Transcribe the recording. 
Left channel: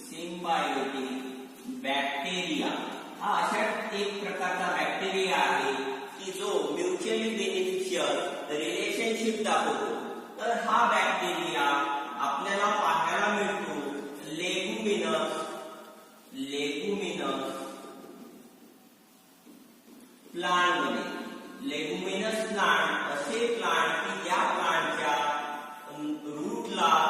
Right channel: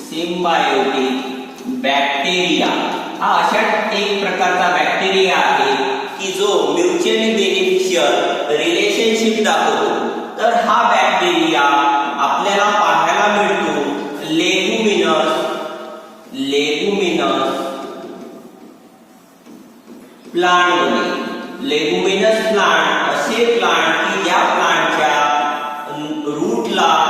Symbiotic bacteria हा अशा एक प्रकारचा बॅक्टेरिया आहे की जो म्युच्युअली बेनिफिशियल रिलेशनशिप दाखवतो. तर हा बॅक्टेरिया आपल्याला पाहायला मिळतो लेगुमिनस प्लांट मध्ये. लेगुमिनस प्लांट असे प्लांट की ज्या प्लांटच्या रूटला